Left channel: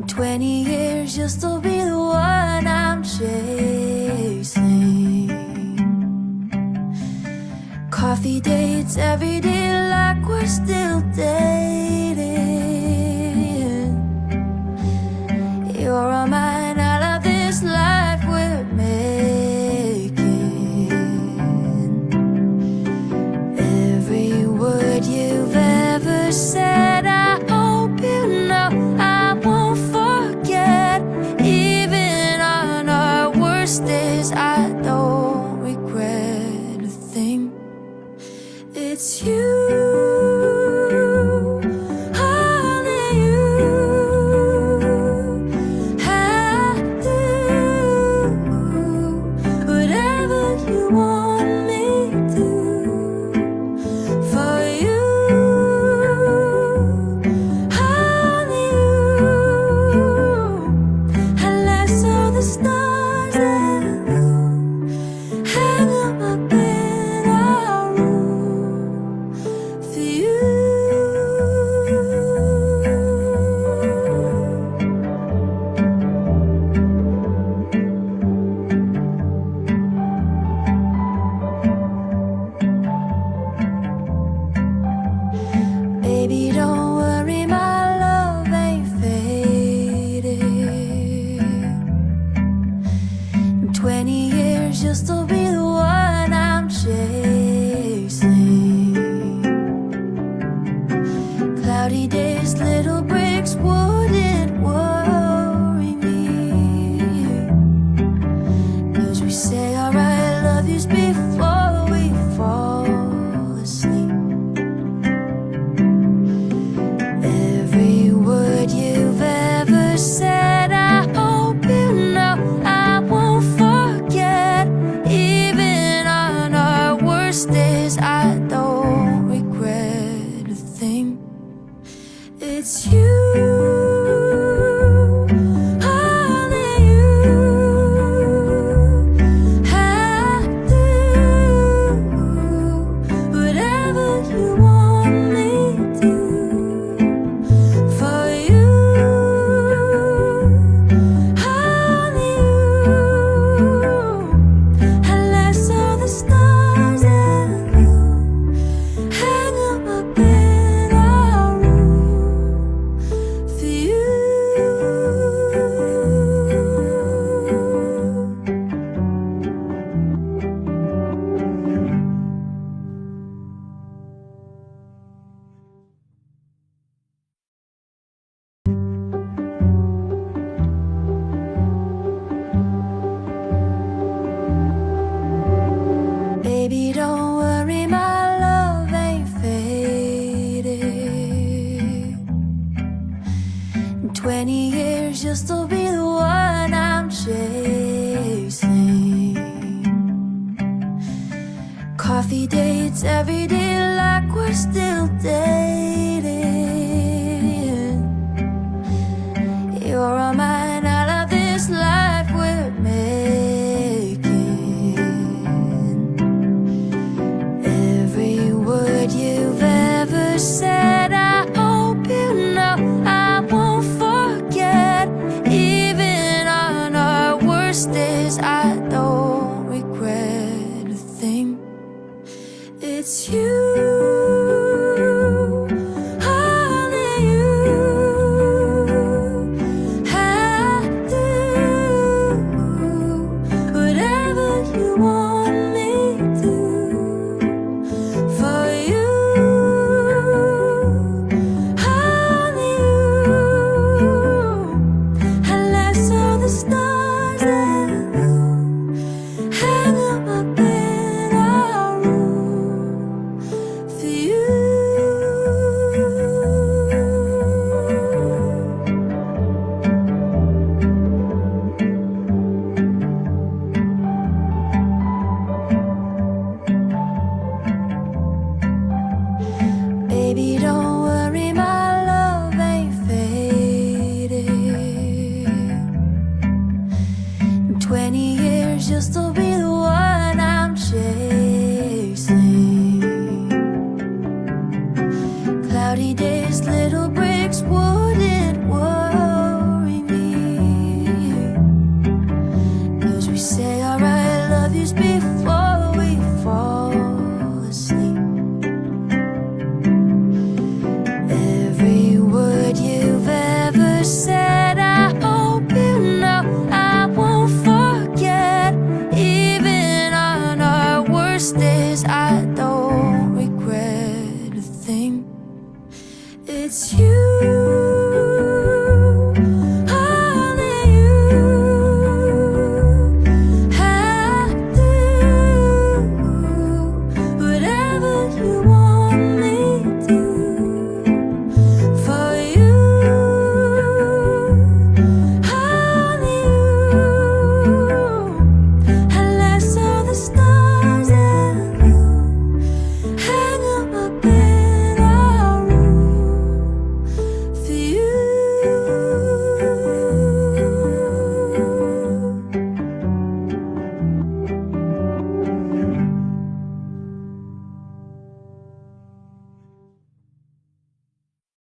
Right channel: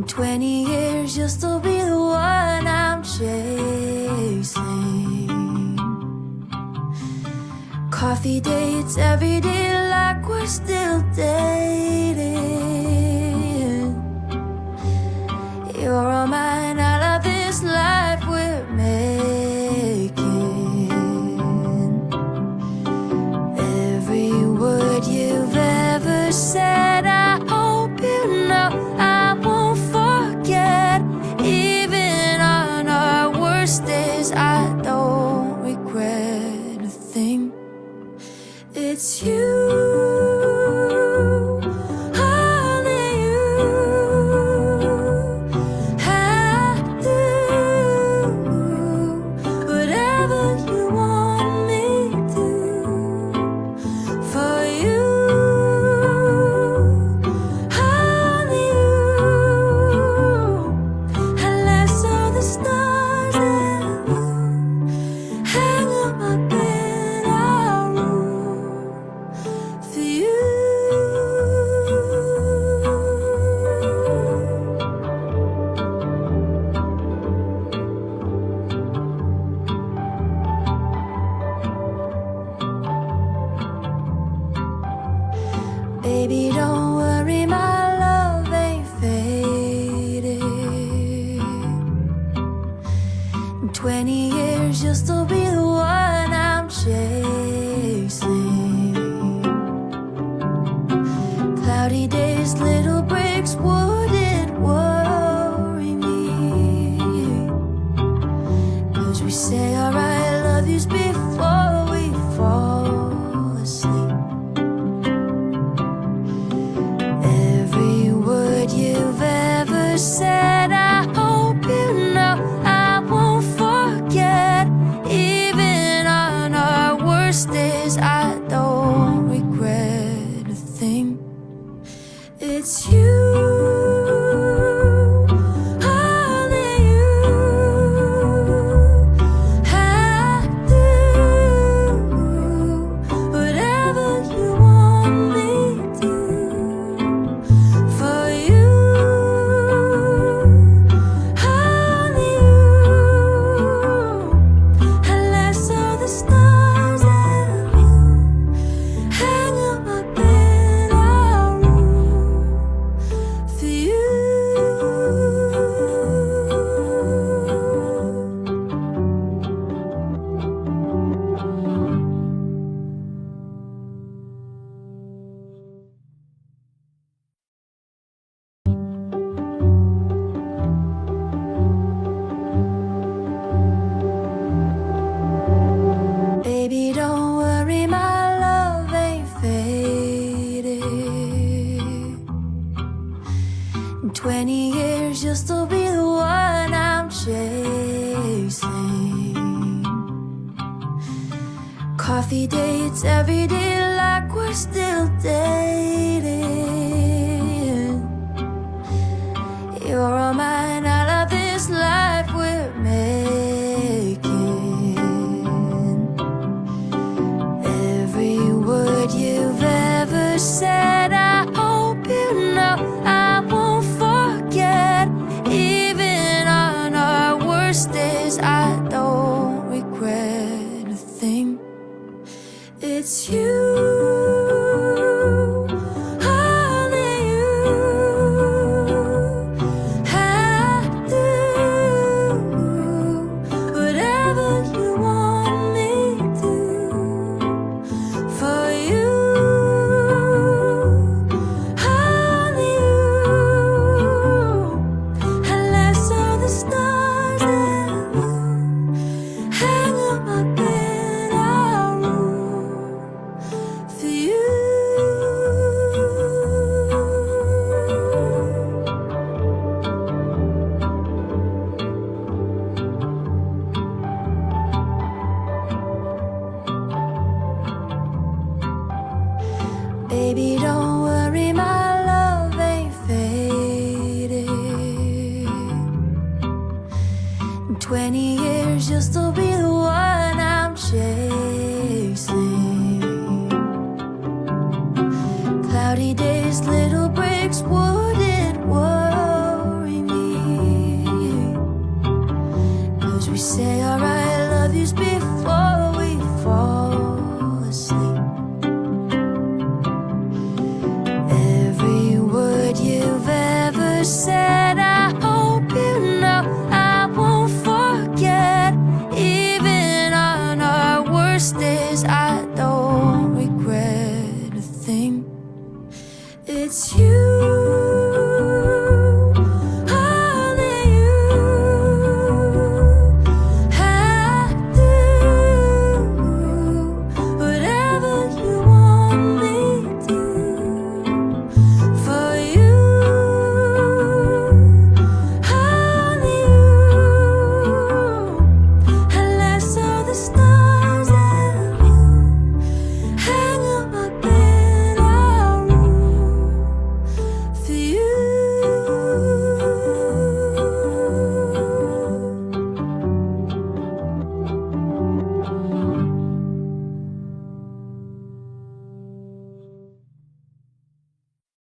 In 20 years you'll still be the one I'm chasing. Coffee dates every day like we're still dating. You're all mine, I love this life we're making. Every word you've ever said, I hope you know I won't forget. Even on our worst days, I don't regret a thing. It's you, only you. I do whatever you want me to for you, only you. Unless all the stars and moon hang on my bed, I'll room for you. Baby, don't worry, my love ain't faded. In 20 years you'll still be the one I'm chasing. Cloudy days, little breaks wouldn't worry me, 'cause we say our I love yous before we fall asleep. Every word you've ever said, I hope you know I won't forget. Even on our worst days, I don't regret a thing. It's you, only you. I do whatever you want me to for you, only you. Unless all the stars and moon hang on my bed, I'll room for you. Baby, don't worry, my love ain't faded. In 20 years you'll still be the one I'm chasing. Coffee dates every day like we're still dating. You're all mine, I love this life we're making. Every word you've ever said, I hope you know I won't forget. Even on our worst days, I don't regret a thing. It's you, only you. I do whatever you want me to for you, only you. Unless all the stars and moon hang on my bed, I'll room for you. Baby, don't worry, my love ain't faded. In 20 years you'll still be the one I'm chasing. Cloudy days, little breaks wouldn't worry said, I hope you know I won't forget. Even on our worst days, I don't regret a thing. It's you. For you.